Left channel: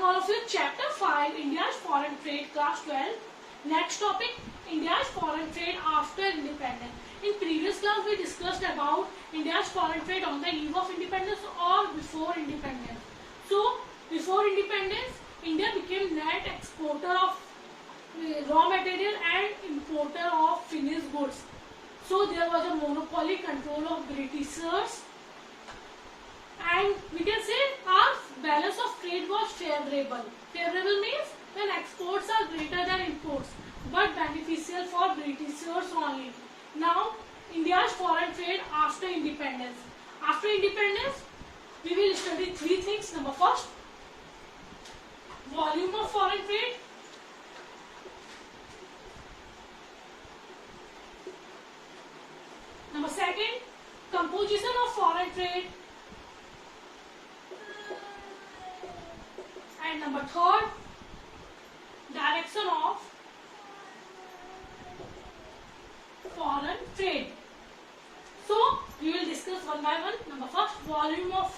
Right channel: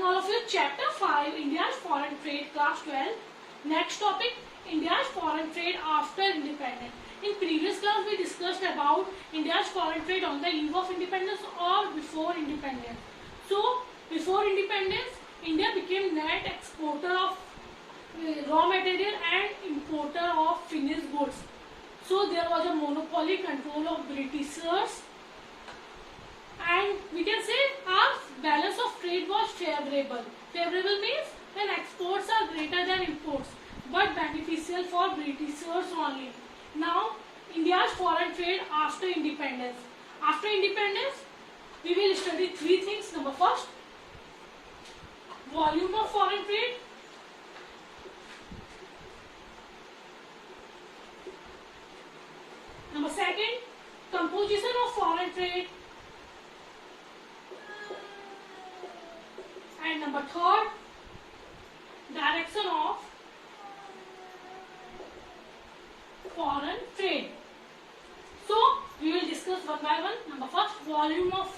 morning all of you. Chapter 5, India's foreign trade, class 12. Next topic, India's foreign trade after independence. In previous class we discussed about India's foreign trade on the eve of independence or before independence. So before independence, India became net exporter of raw material and importer of finished goods. So there was a monopoly control of Britishers, and we can say our balance of trade was favorable. Favorable means when exports are greater than imports, but beneficial for Britishers only. Now India's foreign trade after independence. After independence, we will study three things. Number first, volume of foreign trade. Number second, composition of foreign trade. And number third, direction of foreign trade. So we will discuss one by one. Number first, volume of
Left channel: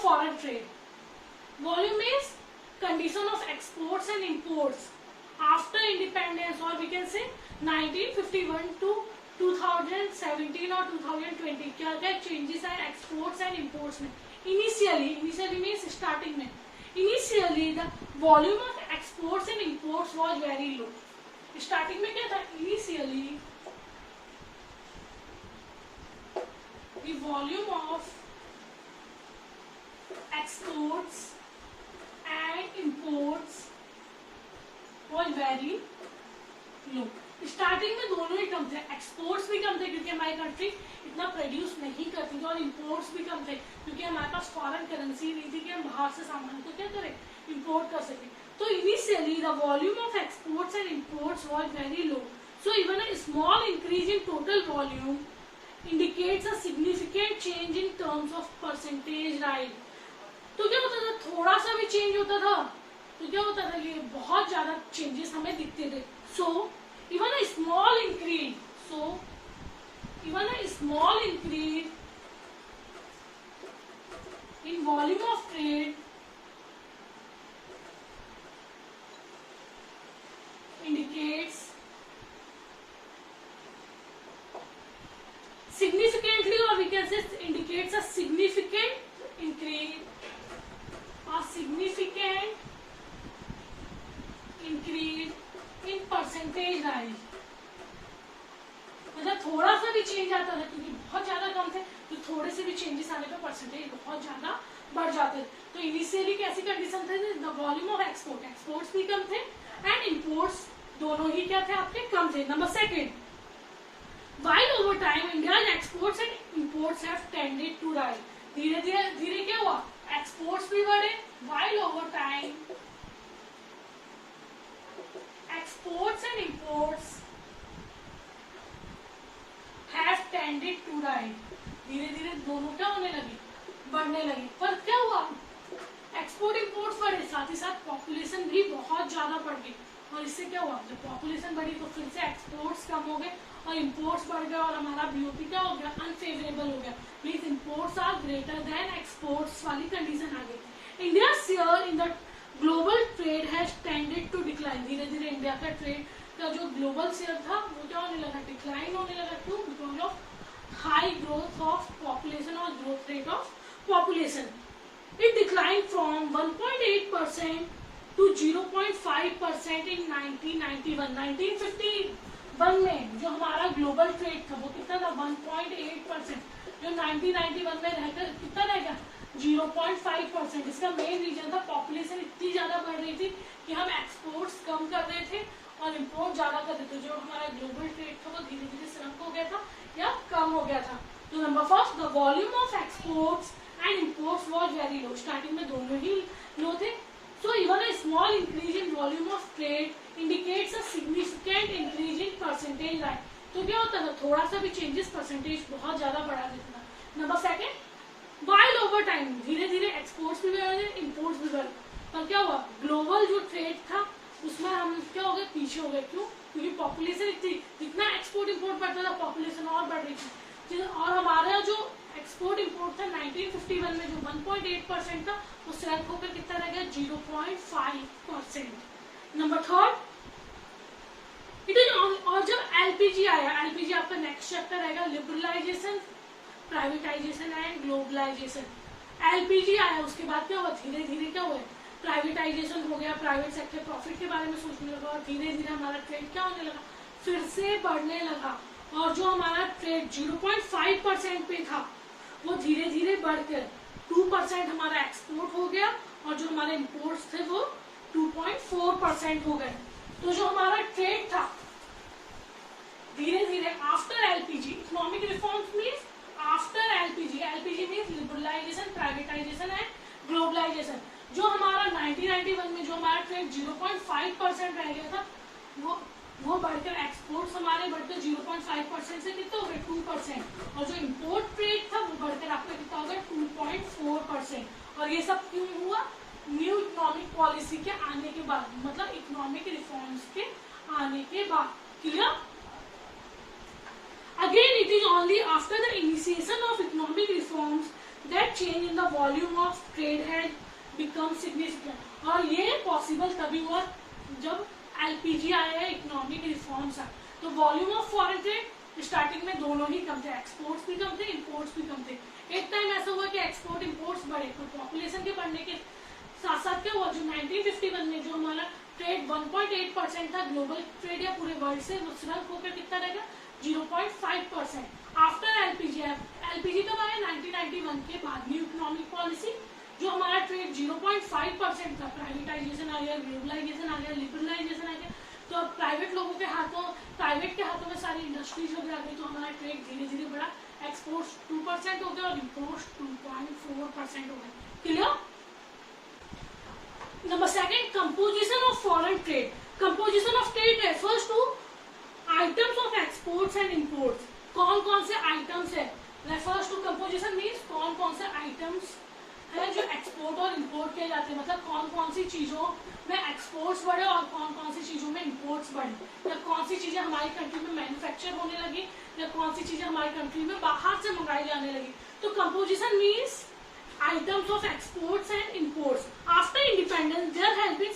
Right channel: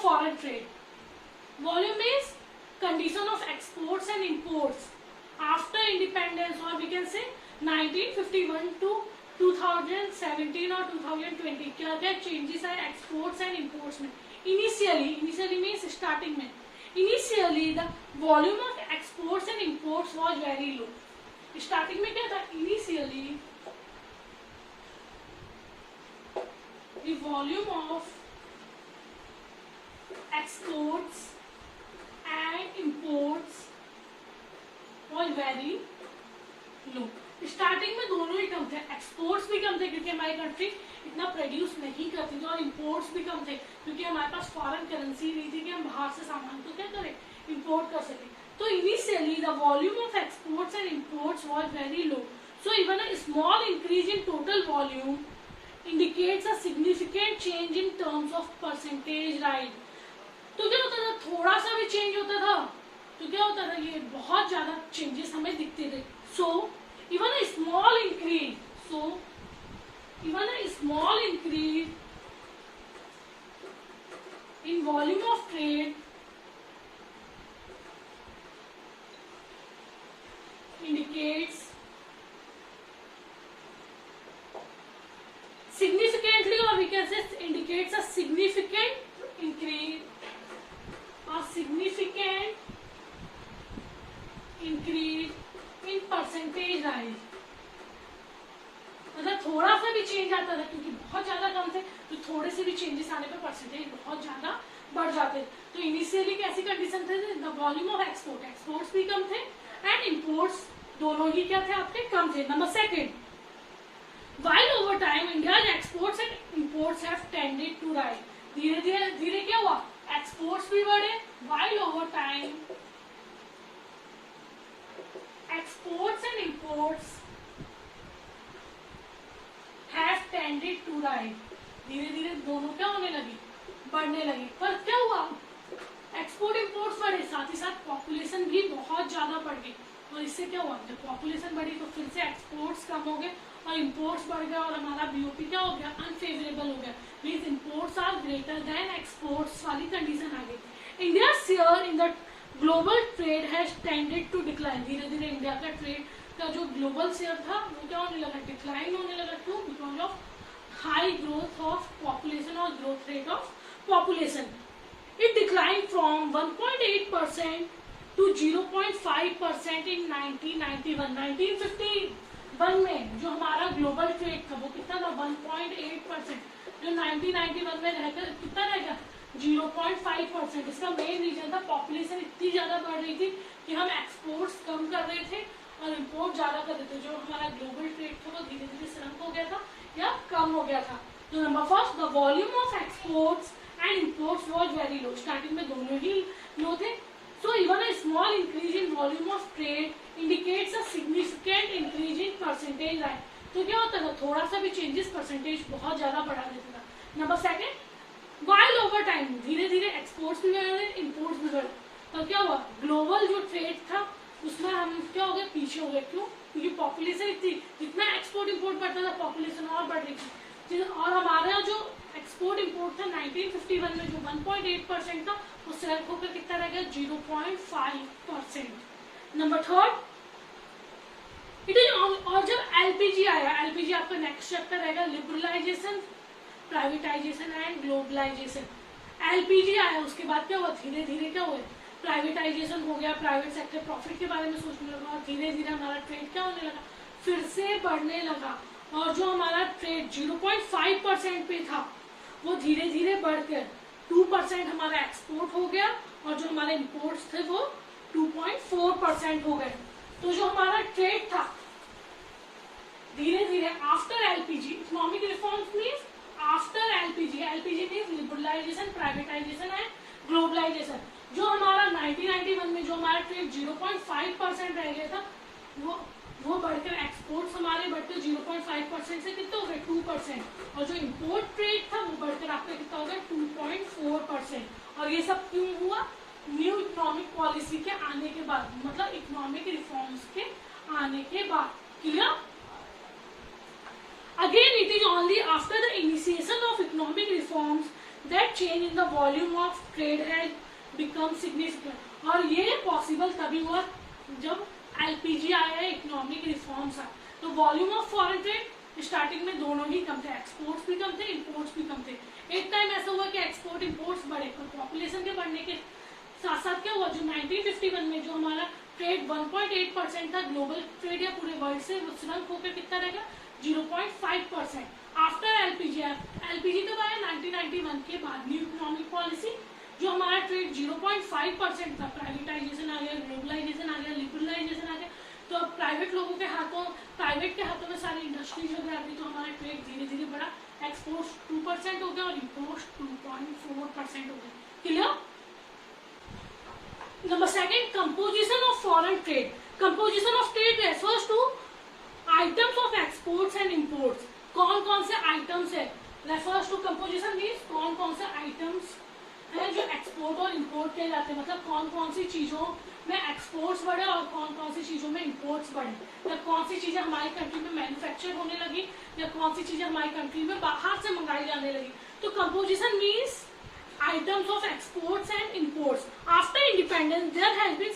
foreign trade. Volume means condition of exports and imports after independence, or we can say 1951 to 2017 or 2020. क्या क्या changes हैं exports and imports में? Initially means starting में. Initially the volume of exports and imports was very low. Starting में क्या था? Initially the volume of exports and imports was very low. Starting में दोनों ही कम थे, एक्सपोर्ट्स भी कम थे क्योंकि हमारी कंट्री इतना प्रोड्यूस नहीं करती थी, और इंपोर्ट्स भी कम थे क्योंकि हमारे पास फॉरेन करेंसी नहीं थी कि हम बाहर से सामान को क्या करें, इंपोर्ट कर सके. तो initially the volume of exports and imports was very low. So even a small increase in total volume indicates a significant change in terms of percentage rise. तो क्या होता था, थोड़ा सा भी चेंज होता था तो क्या होता था, ये बहुत ज्यादा चेंजेस हमें दिखते थे. सो even a small increase in volume of trade indicates significantly, or we can say indicates a significant increase in percentage rise. मतलब थोड़ा सा भी चेंज आता था क्योंकि बहुत ज्यादा कम थे, तो थोड़े से भी चेंजेस आने पर परसेंटेज बहुत ज्यादा बढ़ जाते. तो इनिशियली कैसी कंडीशन थे, द वॉल्यूम ऑफ एक्सपोर्ट्स भी कम थे एंड इंपोर्ट्स दोनों ही क्या थे, आपके कम थे. Number second, while over time India's exports and imports have tended to rise. धीरे क्या हुआ, एक्सपोर्ट्स भी बढ़े, while over time exports and imports have tended to rise. धीरे दोनों क्या होने लगी, बढ़ने लगी. पर क्या हुआ, एक्सपोर्ट इंपोर्ट्स बढ़े, साथ ही साथ पॉपुलेशन भी बहुत ज्यादा बढ़ गई, और इससे क्या हुआ, जब पॉपुलेशन बढ़ी तो फिर से एक्सपोर्ट्स कम हो गए और इंपोर्ट्स बढ़ गए, और हमारा बीओपी क्या हो गया, अनफेवरेबल हो गया. Means imports are greater than exports वाली कंडीशन आ गई. India share in the global trade has tended to decline. धीरे इंडिया का ट्रेड का जो ग्लोबल शेयर था वो क्या होने लगा, डिक्लाइन होने लगा. Two because of high growth of population और growth rate of population. It decline from 1.8% to 0.5% in 1991. 1951 में जो हमारा ग्लोबल ट्रेड था वो कितना था, 1.8%. जो 1991 में रहकर कितना रह गया, 0.5%. इसका मेन रीजन था पॉपुलेशन इतनी ज्यादा बढ़ रही थी कि हम एक्सपोर्ट्स कम कर रहे थे और इंपोर्ट ज्यादा कर रहे थे. जो हमारा ग्लोबल ट्रेड था वो धीरे श्रंक हो गया था या कम हो गया था. तो number first, the volume of exports and imports was very low. Starting में दोनों ही लो थे. So even a small increase in volume of trade indicates a significant increase in percentage rise. तो क्या होता था, थोड़ा सा भी चेंजेस परसेंटेज बहुत ज्यादा बढ़ा देता था. Number second, while over time धीरे एक्सपोर्ट्स भी बढ़े, इंपोर्ट्स भी बढ़े, पर क्या हुआ, ग्लोबल जो ट्रेड था उसमें हम क्या हो गए, पीछे हो गए. क्यों, क्योंकि पॉपुलेशन इतनी, जितना एक्सपोर्ट इंपोर्ट बढ़ता था पॉपुलेशन और बढ़ रही थी, और हमारा जो एक्सपोर्ट इंपोर्ट था 1951 में जो 1.8% था, वो सेल्फ होकर कितना रह गया 0.5%। नंबर थर्ड, इट इज और जब एलपीजी आया, एलपीजी आपका नेक्स्ट चैप्टर रहेगा liberalisation, privatisation and globalisation. LPG आया उसके बाद क्या हुआ, धीरे धीरे क्या हुआ, प्राइवेटाइजेशन हो गया, प्राइवेट सेक्टर प्रॉफिट के बारे में सोचने लगा और धीरे धीरे हमारा ट्रेड क्या होने लगा, फिर से बढ़ने लगा। और जो हमारा ट्रेड 0.5% पे था वो धीरे धीरे बढ़कर 2% हमारा एक्सपोर्ट हो गया और जो हमारे इंपोर्ट्स थे वो 2.4% हो गए। तो जो हमारा ट्रेड था धीरे धीरे after LPG, economic reforms means after LPG, LPG means liberalisation, privatisation and globalisation. जो हमारा 1991 में जो हमारा ट्रेड 0.5% रह गया था वो बढ़कर एक्सपोर्ट्स हमारे बढ़कर 0.5% से कितना हो गए 2%, और जो इंपोर्ट ट्रेड था वो बढ़कर आपका कितना हो गया 2.4%। और ये सब क्यों हुआ, न्यू इकोनॉमिक पॉलिसी के आने के बाद, मतलब इकोनॉमिक रिफॉर्म्स के आने के बाद। Clear? Again, it is only after the initiation of economic reforms that change in the volume of trade has become significant. और ये पॉसिबल तभी हुआ जब एलपीजी आया, इकोनॉमिक रिफॉर्म्स आए, तो volume of foreign trade starting में दोनों ही कम थे, एक्सपोर्ट्स भी कम थे, इंपोर्ट्स भी कम थे। एक टाइम ऐसा हुआ कि एक्सपोर्ट इंपोर्ट्स बढ़े, तो पॉपुलेशन के बढ़ने के साथ साथ क्या हुआ, जो 1951 में जो हमारा ट्रेड 1.8% था ग्लोबल ट्रेड या पूरे वर्ल्ड से, वो श्रंक होकर कितना रह गया 0.5%। आफ्टर एलपीजी, एलपीजी कब आया 1991 के बाद, न्यू इकोनॉमिक पॉलिसी, जो हमारा ट्रेड 0.5% था, प्राइवेटाइजेशन आ गया, ग्लोबलाइजेशन आ गया, लिबरलाइजेशन आ गया, तो अब प्राइवेट लोगों के हाथों, प्राइवेट के हाथों में सारी इंडस्ट्रीज वगैरह आ गई, तो हमारा ट्रेड धीरे धीरे बढ़ा, एक्सपोर्ट 2% हो गया और इम्पोर्ट 2.4% हो गया। Clear? Number second, composition of foreign trade. Composition of trade refers to items of exports and imports. कौन कौन से आइटम्स है, रेफर्स टू कंपोजिशन मीन्स कौन कौन से आइटम्स है जो एक्सपोर्ट और इंपोर्ट किए जाते हैं, मतलब कौन कौन सी चीजों में एक्सपोर्ट्स बढ़े और कौन कौन सी चीजों में इंपोर्ट्स बढ़े, या कौन सी चीजें हमारी कंट्री में मैन्युफैक्चर होने लगी या कौन सी चीजें हमारी कंट्री में बाहर से मंगाई जाने लगी। तो composition means items of exports and imports. After independence, there has been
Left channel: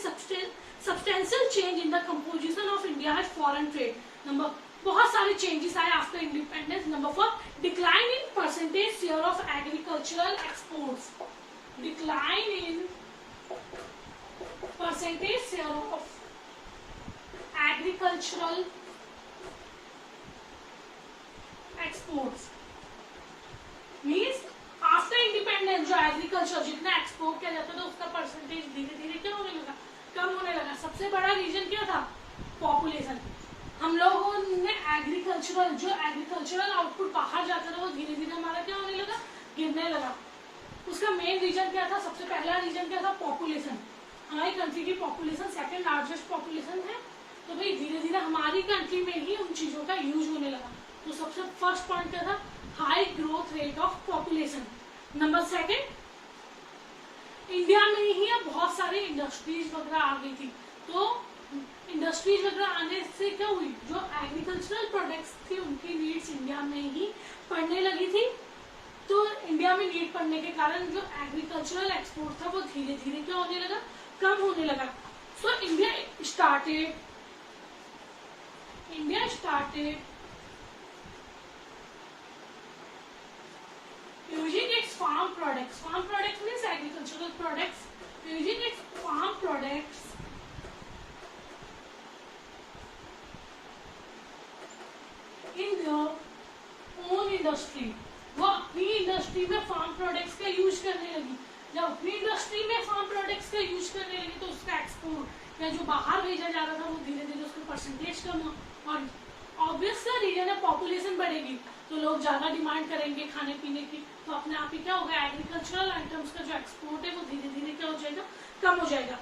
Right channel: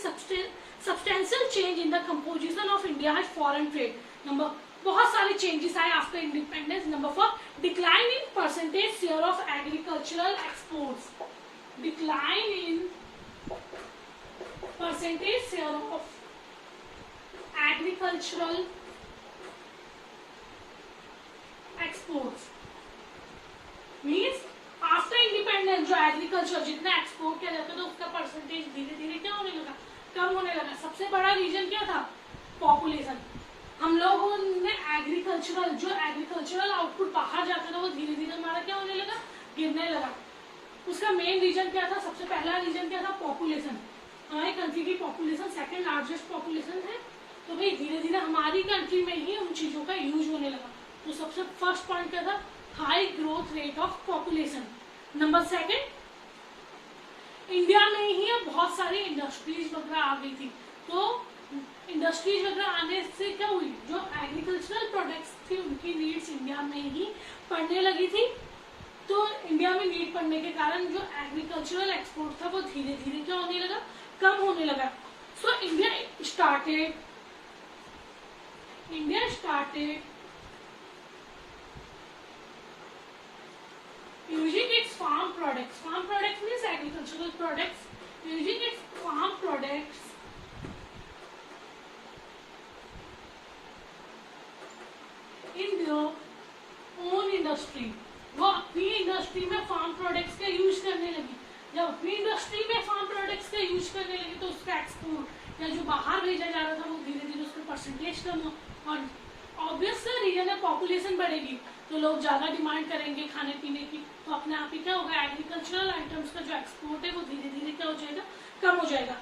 substantial change in the composition of India's foreign trade. Number, बहुत सारे changes आए after independence. Number 4, decline in percentage share of agricultural exports. Decline in percentage share of agricultural exports means after independence जो agriculture जितना export किया जाता था उसका percentage धीरे धीरे क्या होने लगा, कम होने लगा। सबसे बड़ा रीजन क्या था, पॉपुलेशन। हम लोगों ने एग्रीकल्चरल आउटपुट बाहर जाता था वो धीरे धीरे हमारा क्या होने लगा, गिरने लगा। उसका मेन रीजन क्या था, सबसे पहला रीजन क्या था, पॉपुलेशन। हमारी कंट्री की पॉपुलेशन सेकेंड लार्जेस्ट पॉपुलेशन है, तो भाई धीरे धीरे हमारी कंट्री में ही उन चीजों का यूज होने लगा। तो सबसे फर्स्ट पॉइंट क्या था, high growth rate of population. Number second, India में ही बहुत सारी इंडस्ट्रीज वगैरह आ गई थी, तो इंडस्ट्रीज वगैरह आने से क्या हुई, जो एग्रीकल्चरल प्रोडक्ट्स थी उनकी नीड्स इंडिया में ही पड़ने लगी थी। तो इंडिया में नीड पड़ने के कारण जो एग्रीकल्चरल एक्सपोर्ट था वो धीरे धीरे क्या होने लगा, कम होने लगा। So India started using its farm products. Farm products means agricultural products. Using its farm products in their own industry. वो अपनी इंडस्ट्री में फार्म प्रोडक्ट्स का यूज करने लगी। जब अपनी इंडस्ट्री में फार्म प्रोडक्ट्स का यूज करने लगी तो उसका एक्सपोर्ट या जो बाहर भेजा जा रहा था वो धीरे धीरे उसका परसेंटेज कम हो, और ऑब्वियस रीजन है पॉपुलेशन बढ़ेगी तो लोग ज्यादा डिमांड करेंगे खाने पीने की, तो अपने आप ही क्या होगा, एग्रीकल्चरल आइटम्स का जो एक्सपोर्ट है वो धीरे धीरे क्या हो जाएगा, कम हो जाएगा।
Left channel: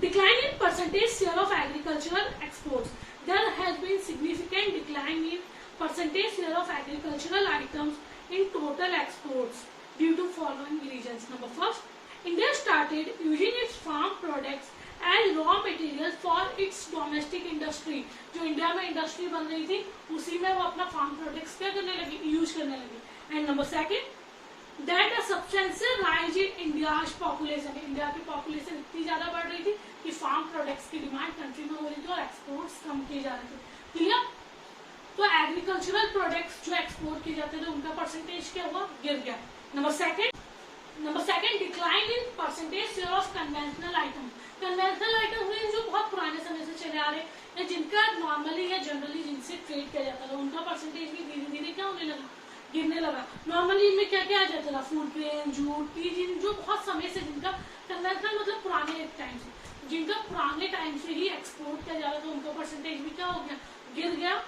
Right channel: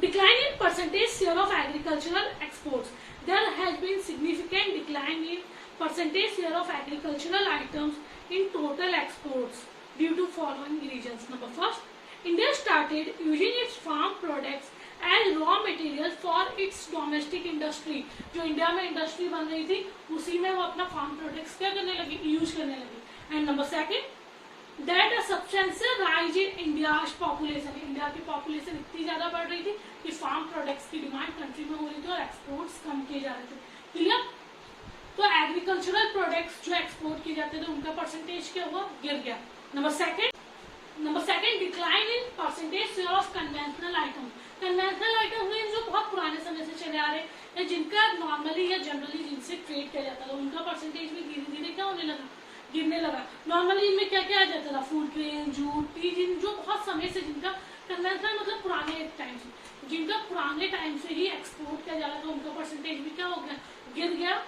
Decline in percentage share of agricultural exports. There has been significant decline in percentage share of agricultural items in total exports due to following reasons. Number first, India started using its farm products as raw material for its domestic industry. जो India में industry बन रही थी उसी में वो अपना farm products क्या करने लगी, यूज करने लगी। And number second, that a substantial rise in India's population, India की पॉपुलेशन इतनी ज्यादा बढ़ रही थी कि फार्म प्रोडक्ट्स की डिमांड कंट्री में हो रही थी और एक्सपोर्ट्स कम किए जा रहे थे। क्लियर? तो एग्रीकल्चरल प्रोडक्ट्स जो एक्सपोर्ट किए जाते थे उनका परसेंटेज क्या हुआ? गिर गया। Number second decline in percentage share of conventional item. Conventional item हुए जो बहुत पुराने समय से चले आ रहे या जिनका नॉर्मली या जनरली जिनसे ट्रेड किया जाता था उनका परसेंटेज भी धीरे धीरे क्या होने लगा? गिरने लगा। नॉर्मली इनमें क्या क्या आ जाता था? फूड ग्रेन, जूट, टी, जिन जो बहुत समय से जिनका कन्वेंशनल मतलब पुराने टाइम से, जिनका पुराने टाइम से ही एक्सपोर्ट किया जा रहा था उनका परसेंटेज भी क्या हो गया? गिर गया।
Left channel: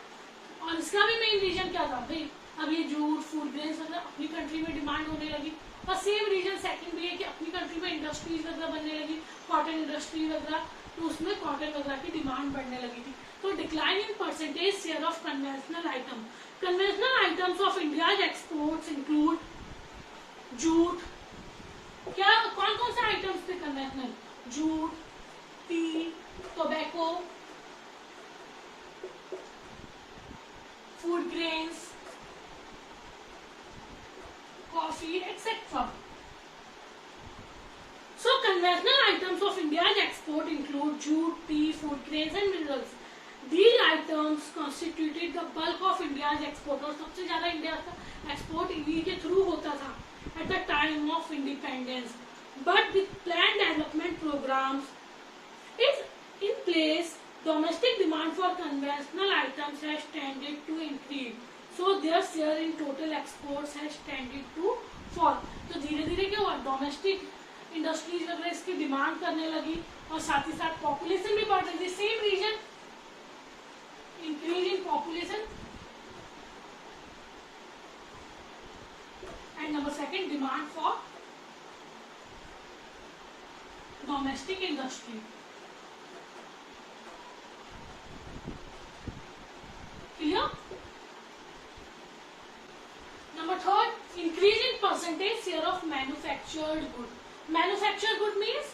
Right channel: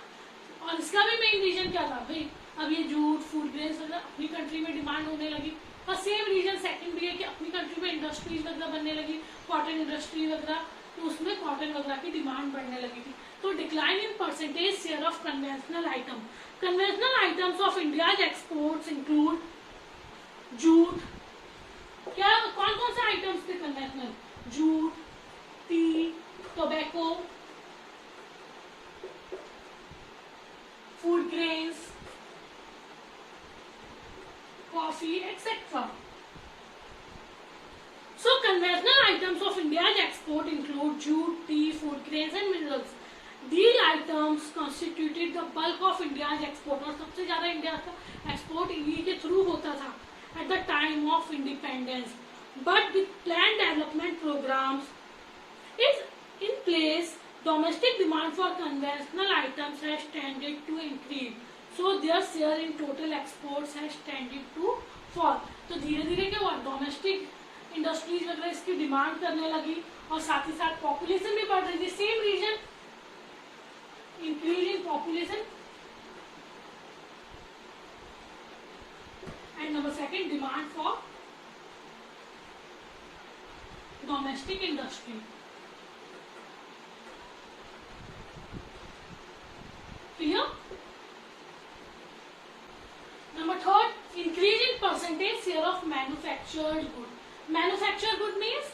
और इसका भी मेन रीजन क्या था भाई? अब ये जूट, फूड ग्रेन्स वगैरह अपनी कंट्री में डिमांड होने लगी और सेम रीजन सेकंड भी है कि अपनी कंट्री में इंडस्ट्रीज वगैरह बनने लगी, कॉटन इंडस्ट्री वगैरह, तो उसमें कॉटन वगैरह की डिमांड बढ़ने लगी थी। तो decline in percentage share of conventional item. Conventional items of India's exports include jute. क्या कौन कौन से आइटम्स थे conventional? Jute, T, tobacco, food grains, coffee, etc. So conventional items of India's export include jute, tea, food grains and minerals. These items constituted the bulk of India's export. और सबसे ज्यादा India का export इन्हीं के through होता था at the time of independence. But with planned development programs is in place, domestic demand for conventional items has tended to increase. So their share in total exports has tended to fall. तो धीरे धीरे क्या हुआ? Domestic industries वगैरह इसकी demand करने लगी और साथ ही साथ पॉपुलेशन भी बढ़ रही थी। Same reason, increase in population and number second demand for domestic industry. Clear? Number third, increase in percentage share of manufactured good. Manufactured good means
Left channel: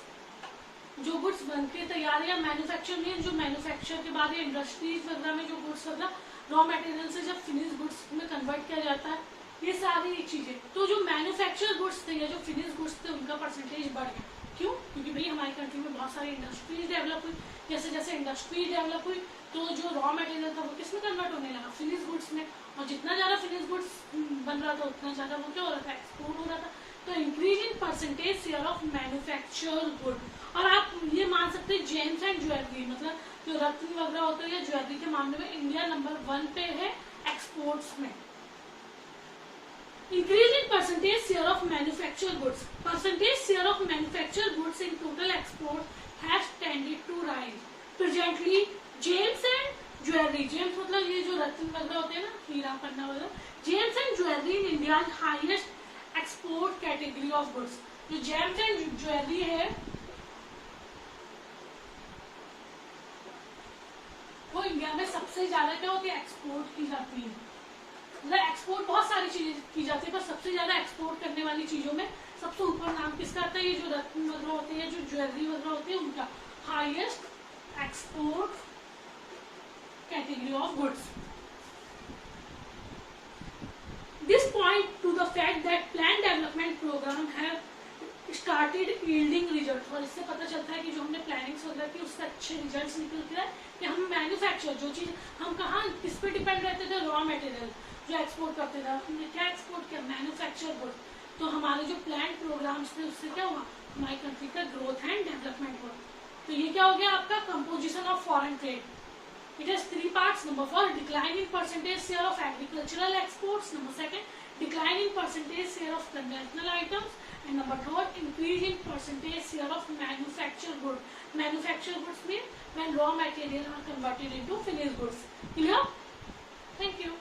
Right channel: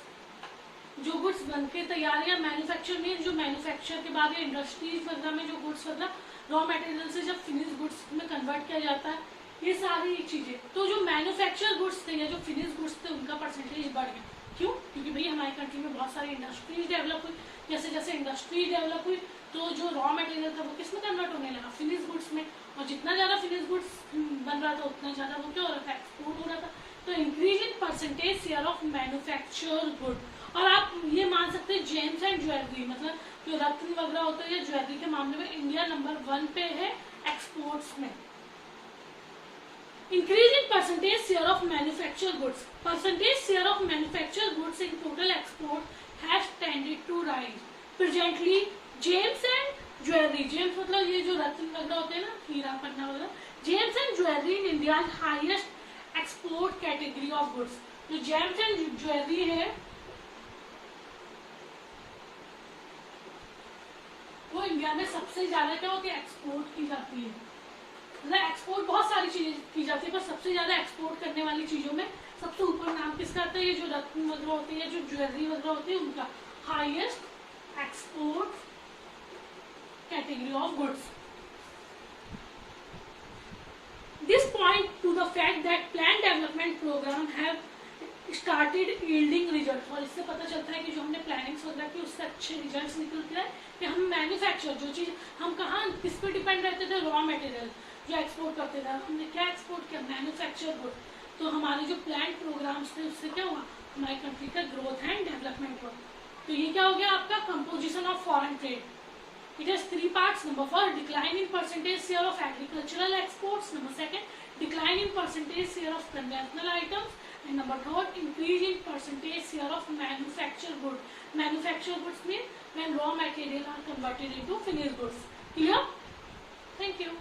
जो गुड्स बन के तैयार या मैन्युफैक्चर मीन जो मैन्युफैक्चर के बाद इंडस्ट्रीज वगैरह में जो गुड्स वगैरह रॉ मटेरियल से जब फिनिश गुड्स में कन्वर्ट किया जाता है, ये सारी चीजें। तो जो मैन्युफैक्चर गुड्स थे या जो फिनिश गुड्स थे उनका परसेंटेज बढ़ गया। क्यों? क्योंकि भाई हमारी कंट्री में बहुत सारी इंडस्ट्रीज डेवलप हुई। जैसे जैसे इंडस्ट्री डेवलप हुई तो जो रॉ मटेरियल था वो किसमें कन्वर्ट होने लगा? फिनिश गुड्स में। और जितना ज्यादा फिनिश गुड्स बन रहा था उतना ज्यादा वो क्या हो रहा था? एक्सपोर्ट हो रहा था। तो increase in percentage share of manufacture good. और आप ये मान सकते हैं जेम्स एंड ज्वेलरी, मतलब जो रत्न वगैरह होते हैं या ज्वेलरी के मामले में इंडिया नंबर 1 पे है एक्सपोर्ट्स में। Increase in percentage share of manufacture goods. Percentage share of manufacture goods in total export has tended to rise. Presently gems and jewellery, gems मतलब ये जो रत्न वगैरह होते हैं ना, हीरा पन्ना वगैरह, James and jewellery in India highest export category of goods. जो James and jewellery है वो इंडिया में सबसे ज्यादा क्या होती है? एक्सपोर्ट की जाती है। मतलब एक्सपोर्ट बहुत सारी चीजें की जाती है पर सबसे ज्यादा एक्सपोर्ट करने वाली चीजों में सबसे ऊपर नाम किसका आता है? ये जो रत्न वगैरह होती है, जो ज्वेलरी वगैरह होती है, उनका highest export category of goods. This point to the fact that planned development program have started yielding results. और इससे पता चलता है कि जो हमने प्लानिंग्स वगैरह की उससे अच्छे रिजल्ट्स निकलते हैं कि हम मैन्युफैक्चर जो चीज हम कहाँ किस पे डिपेंड रहते थे? रॉ मटेरियल जो एक्सपोर्ट करते थे। हमने क्या एक्सपोर्ट किया? Manufacture good. तो हमारे जो प्लान प्रोग्राम्स थे उससे क्या हुआ? हमारी कंट्री का ग्रोथ एंड डेवलपमेंट हुआ। तो ये क्या हो गया आपका? Composition of foreign trade. It has 3 parts. Number 4, decline in percentage share of agricultural exports. Number 2, decline in percentage share of conventional items. And number 3, increase in percentage share of manufactured goods. Manufactured goods means when raw material are converted into finished goods. Clear? Thank you.